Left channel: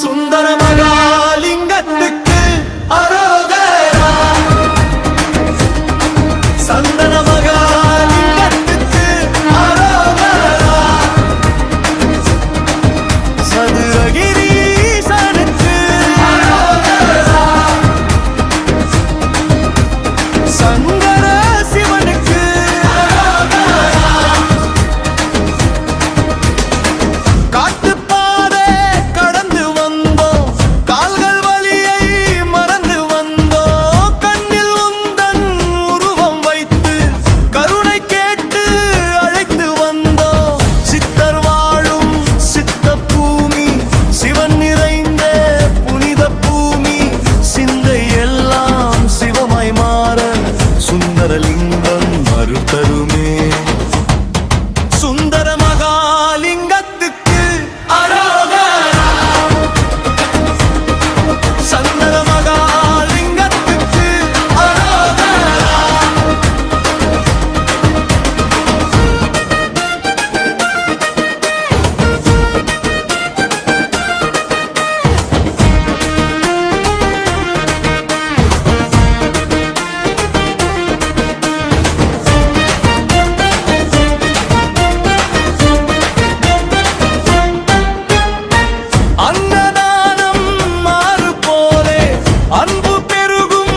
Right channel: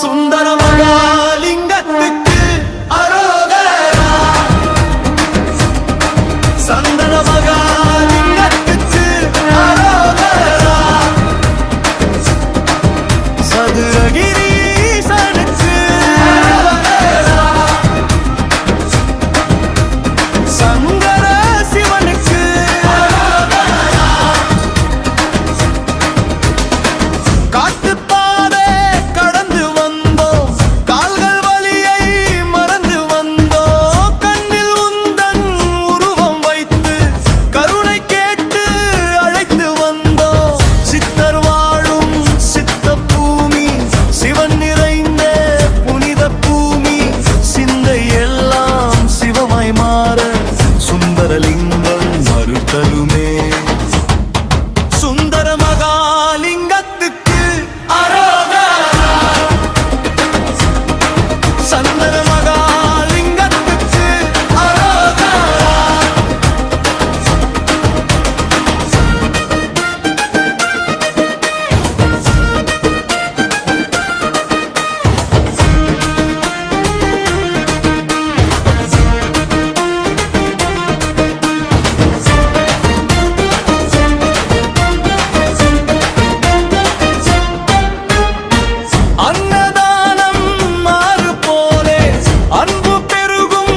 சுந்தர மகாலிங்கத்துக்கு அரோகரா. சந்தன மகாலிங்கத்துக்கு அரோகரா. சதுரகிரீசனுக்கு அரோகரா. சங்கர சிவனுக்கு அரோகரா. காட்டுப்பாதை கடந்து வந்தோம், கால்கள் வலியை மறந்து வந்தோம். கண்ணில் உந்தன் உருவம் வைத்து கருணை கேட்டு அழைத்து வந்தோம். சித்தர் வாழும் சித்த பூமி, சிவன் நிறைந்த புனித பூமி. சிந்தை எல்லாம் சிவமாய் மாற சுந்தரலிங்கம் மறுத்தருமே. சுந்தர மகாலிங்கத்துக்கு அரோகரா. சந்தன மகாலிங்கத்துக்கு அரோகரா. அன்னதானம் மாறு போலே, அன்பு பெருகும்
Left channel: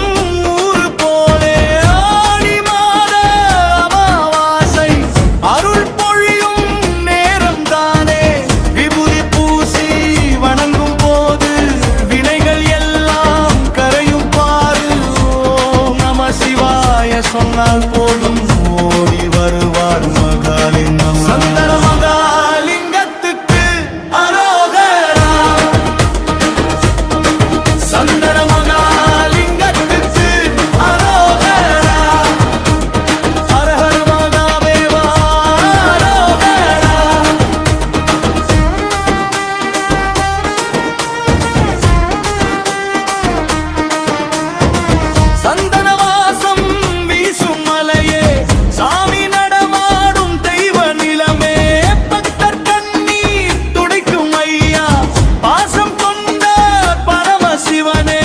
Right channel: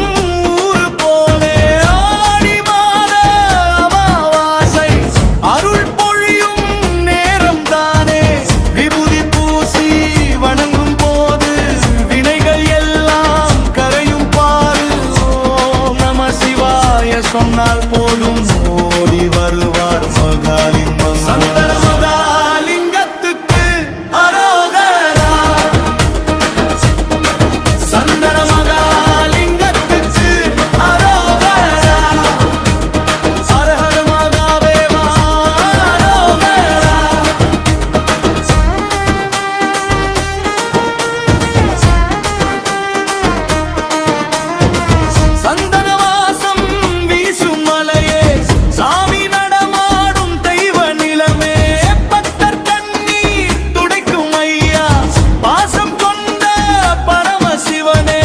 ஊரு போலே. ஆடி மாத அமாவாசை அருள் பொழியும் நேரம் தானே. விபூதி பூசி வணங்கும் போது வினைகள் எல்லாம் கரையும் பாரு. ஓம் நம சிவாய சொன்னால் போதும் ஓடி வருவார் மகாலிங்கம். சந்தன மகாலிங்கத்துக்கு அரோகரா. சந்தன மகாலிங்கத்துக்கு அரோகரா. ஹரஹர மகாதேவா அரோகரா. சந்தன வாசம் வீசும் மலையே, சாமி நடமாடும் தெய்வ நிலமே. பக்தர் கண்ணீர் துடைக்கும் ஐயா, பாசம் கொண்ட பரமசிவனே.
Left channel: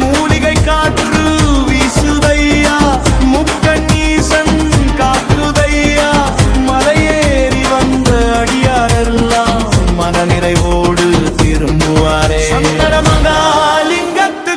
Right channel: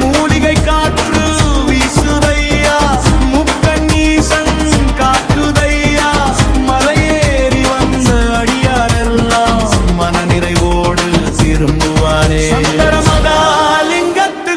மூலிகை காற்று வீசுதையா, முக்கண்ணீசன் காக்குதையா. மலையேறி வந்த அடியாரெல்லாம் மன நிறைவோடு திரும்புவாரே. சந்தர மகாலிங்கத்து